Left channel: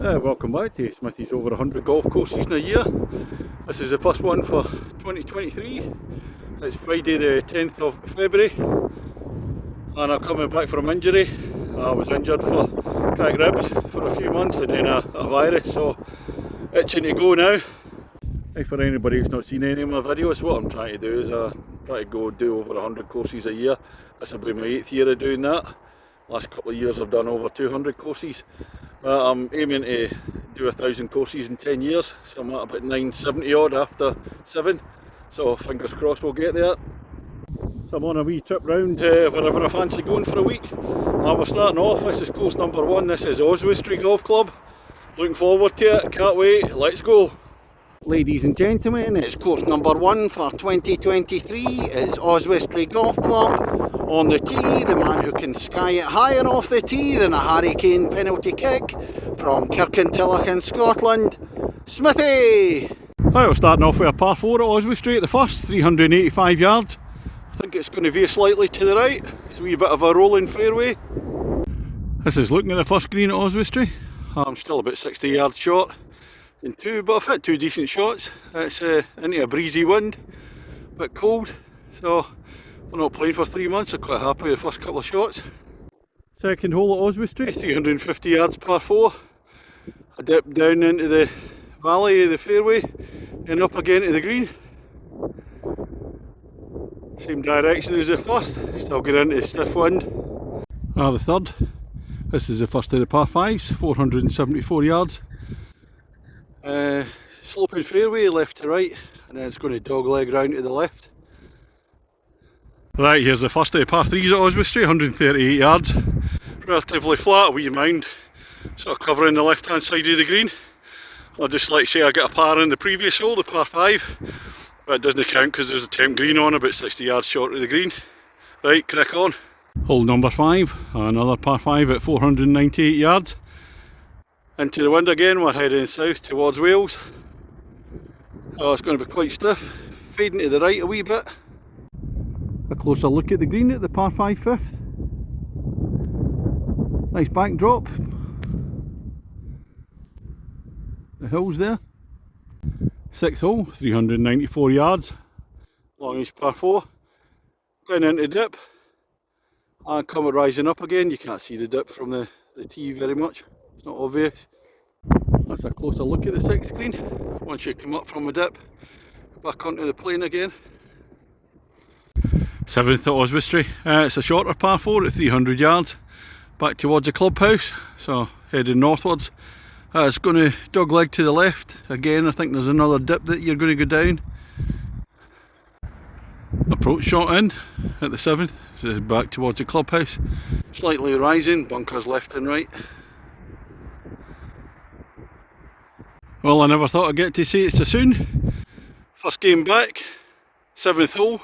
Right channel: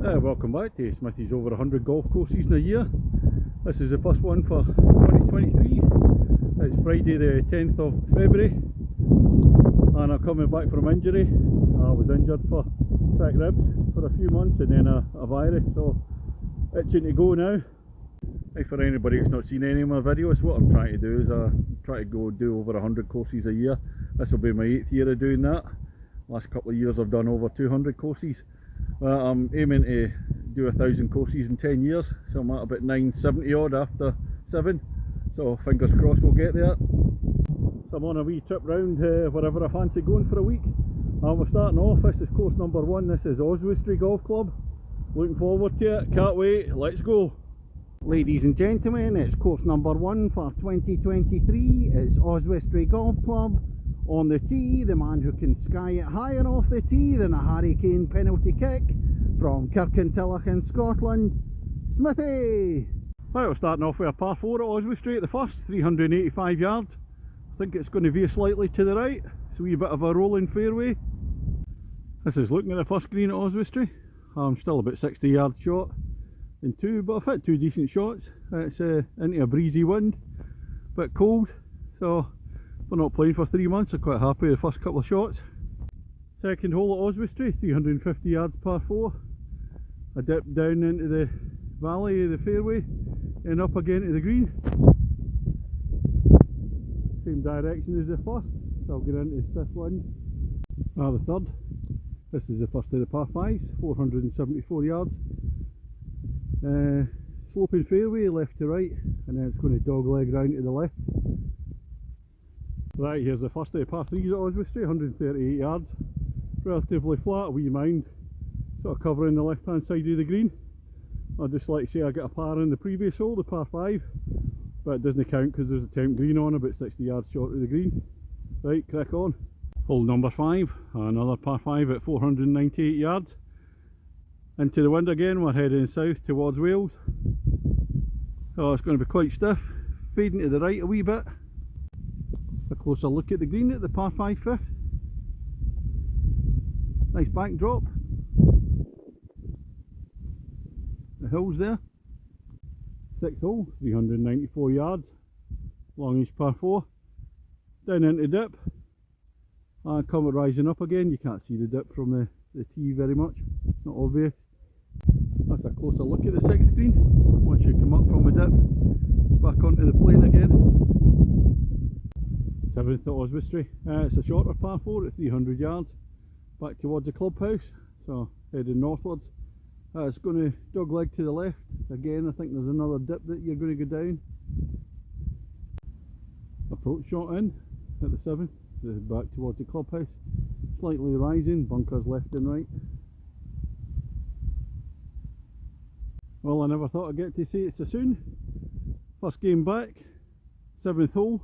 Welcome back to Smithy's over 100 golf courses in a year. This is the first one for 2023. It's Friday the 10th of February and I'm coming back from injury. I was injured for cracked ribs for a few months and then a virus, so itching to go now. For anybody who's not seen any of my videos, what I'm trying to do is try to go do over 100 courses a year. This will be my 8th year of doing that. Last couple of years I've done over 200 courses. I'm aiming to do 1,000 courses in 10 years, so I'm at about 970 odd after 7, so fingers crossed we'll get there. So I'm on a wee trip round wherever I fancy going for a week. We're starting off, this is course number 1, this is Oswestry Golf Club. Looking forward to it, can't wait, let's go. Ladies and gentlemen, it's course number 1 for 2023, it's Oswestry Golf Club. On the tee, the man who can sky it higher off the tee than a hurricane penalty kick, from Kirkintilloch in Scotland, Smithy! Right, we're starting off with a par 4 at Oswestry at the first, 385 yards. I think it's going to veer slightly to the right, it's a wee bit of a rolling fairway. This is looking at the first green at Oswestry. I'm still about 60 yards short in 2, but I've hit 2 decent shots. It's into a breezy wind, a bit cold, so we're not playing for 3 months, I'm quite happy with the first couple of shots. Second hole at Oswestry, 350 yards par 4. I dip down into the valley of the fairway and up again to the green. Same direction as the first, still get into stiff wind. The third, this is the first of the par 5s, 474 yards. Sloping fairway left to right, and then it's going to dogleg round to the left. Right, here's the first of the par 3s at Oswestry, 138 yards. Relatively flat, a wee mound, sort of covering the left hand side of the green. I'd just like to say I got a par in the previous hole, the par 5, but it doesn't count because there's a temp green on, about 60 yards short of the green. Right, crack on. Hole number 5, another par 5 at 498 yards. Into the wind again, we're heading south towards Wales. Oh, it's going to be quite stiff, fading to the right a wee bit. A closer look at the green at the par 5 fifth. Nice backdrop. The hills there. 6th hole, 394 yards. Longish par 4. Down into dip. And come rising up again. You can't see the dip from the tee very much. It's not obvious. That's a closer look at the 6th green. Once you come up from the dip, back onto the plane again. 7th at Oswestry. It's a shorter par 4 at 300 yards. Back towards the clubhouse, so heading northwards. It's going to dogleg to the left. Again, I think there's another dip that you're going to go down. Approach shot in at the 7th. So back towards the clubhouse. Slightly rising, bunkers left and right. Well, I never thought I'd get to see it so soon. First game back, 7th hole.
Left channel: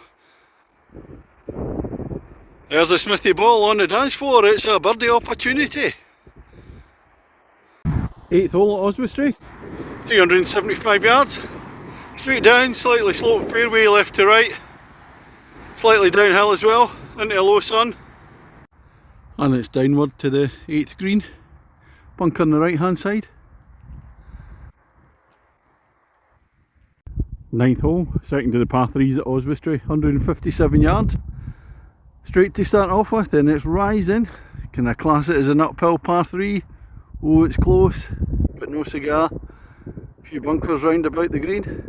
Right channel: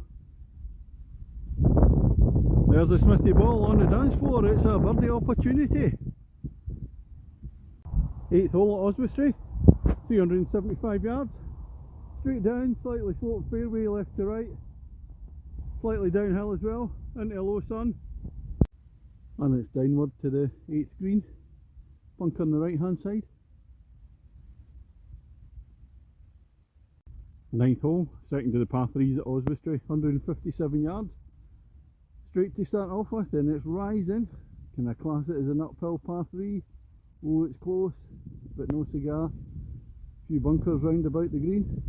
There's a Smithy ball on the dance floor, it's a birdie opportunity. 8th hole at Oswestry, 375 yards. Straight down, slightly sloped fairway left to right. Slightly downhill as well, into a low sun. And it's downward to the 8th green. Bunker on the right hand side. 9th hole, second of the par 3s at Oswestry, 157 yards. Straight to start off with, and it's rising. Can I class it as an uphill par 3? Oh, it's close, but no cigar. A few bunkers round about the green.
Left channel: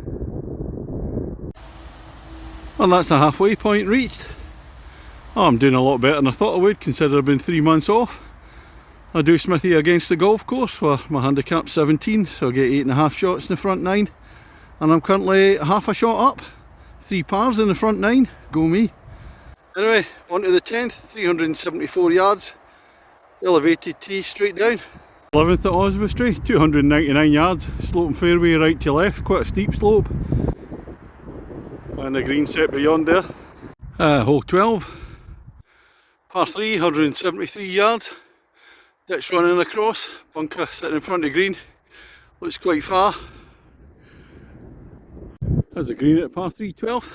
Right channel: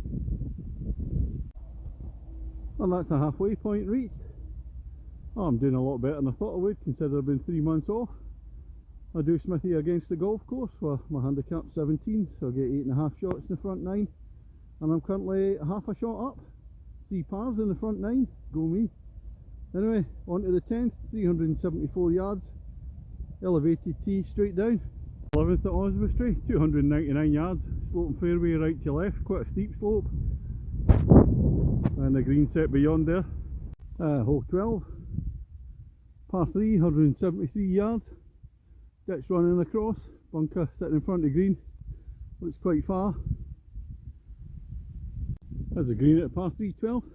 Well, that's the halfway point reached. Oh, I'm doing a lot better than I thought I would, considering I've been 3 months off. I do Smithy against the golf course where my handicap's 17, so I get 8.5 shots in the front 9. And I'm currently half a shot up. 3 pars in the front 9, go me. Anyway, on to the 10th, 374 yards, elevated tee straight down. 11th at Oswestry, 299 yards, sloping fairway right to left, quite a steep slope. And the green set beyond there. Hole 12, par 3, 173 yards, ditch running across, bunker sitting in front of green, looks quite far. There's the green at par 3, 12th.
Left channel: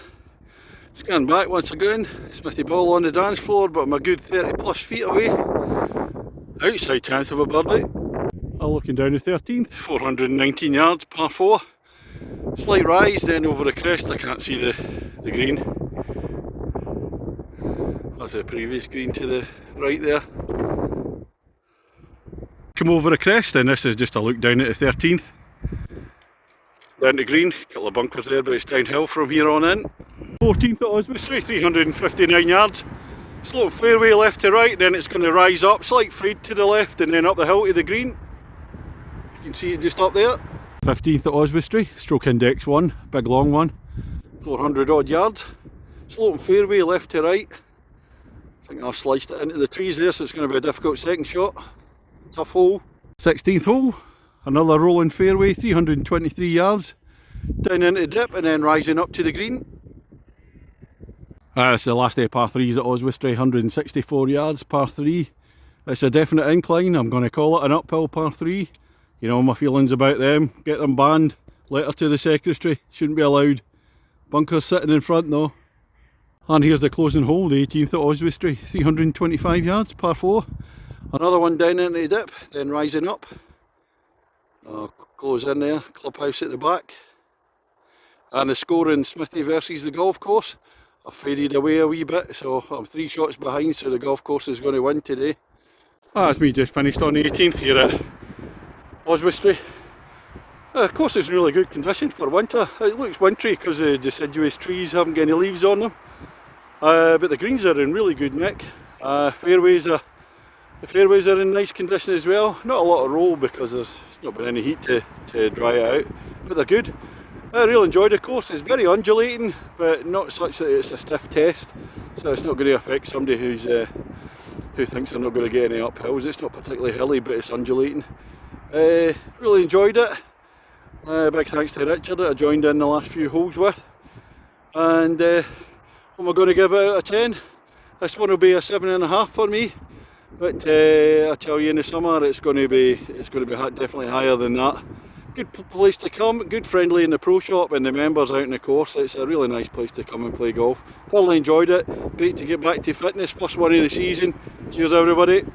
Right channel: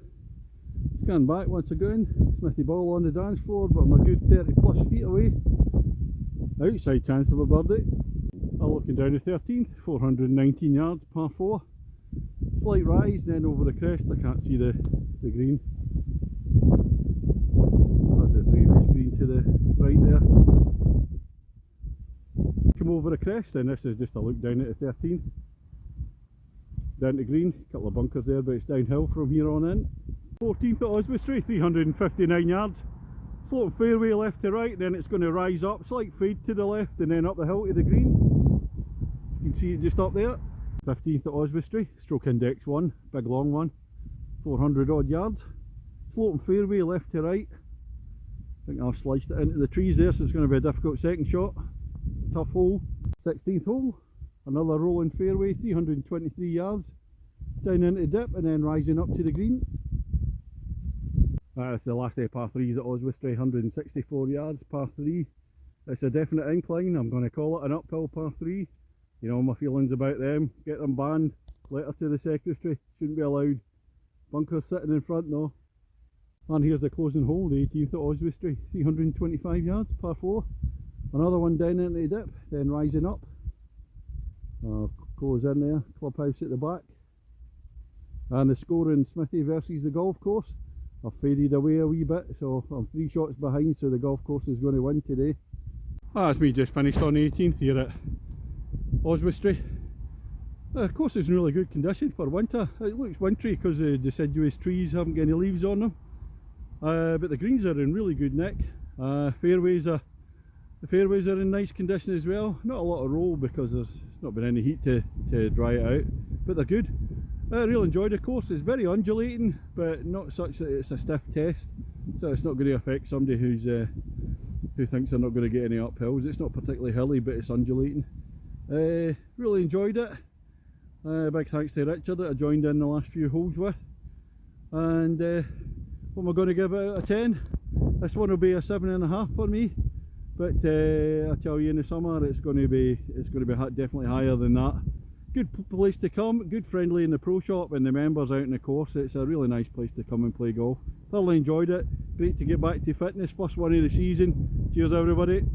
Scan back once again, Smithy ball on the dance floor, but I'm a good 30 plus feet away. Outside chance of a birdie. Looking down the 13th, 419 yards, par 4. Slight rise, then over the crest I can't see the green. That's the previous green to the right there. Come over the crest, and this is just a look down at the 13th. Down to green, couple of bunkers there, but it's downhill from here on in. 14th at Oswestry, 359 yards. Slope fairway left to right, then it's going to rise up, slight fade to the left, and then up the hill to the green. You can see it just up there. 15th at Oswestry, stroke index 1, big long one, 400 odd yards. Slope fairway left to right. I think I've sliced it into the trees there, so it's going to be a difficult second shot. Tough hole. 16th hole, another rolling fairway, 323 yards. Down into the dip and then rising up to the green. It's the last day of par 3s at Oswestry, 164 yards, par 3. It's a definite incline, I'm going to call it an uphill par 3. You know my feelings about them, get them banned, letter to the secretary, shouldn't be allowed. Bunkers sitting in front though. And here's the closing hole, the 18th at Oswestry, 325 yards, par 4. Another one down into the dip, then rising up. Close in there, clubhouse at the back. And the score in Smithy versus the golf course. I've faded away a wee bit, so I'm 3 shots behind, so the golf course is going to win today. That's me just finished on the 18th here at Oswestry. The course is in really good condition for winter. It looks wintry because the deciduous trees haven't got any leaves on them. But the greens are in really good nick. The fairways are in nice condition as well. Not a lot of roll because there's not been any heat to dry it out, but they're good. I really enjoyed the course. It's very undulating, but not such that it's a stiff test, so it's not going to affect somebody who thinks they're not going to get any uphills. It's not particularly hilly, but it's undulating. Really enjoyed it. Big thanks to Richard that I joined in the last few holes with. And what am I going to give it out of 10? This one will be a 7.5 for me. But I tell you, in the summer it's going to be definitely higher than that. Good place to come, good friendly in the pro shop and the members out in the course. It's a really nice place to come and play golf. Thoroughly enjoyed it. Great to get back to fitness. First one of the season. Cheers everybody.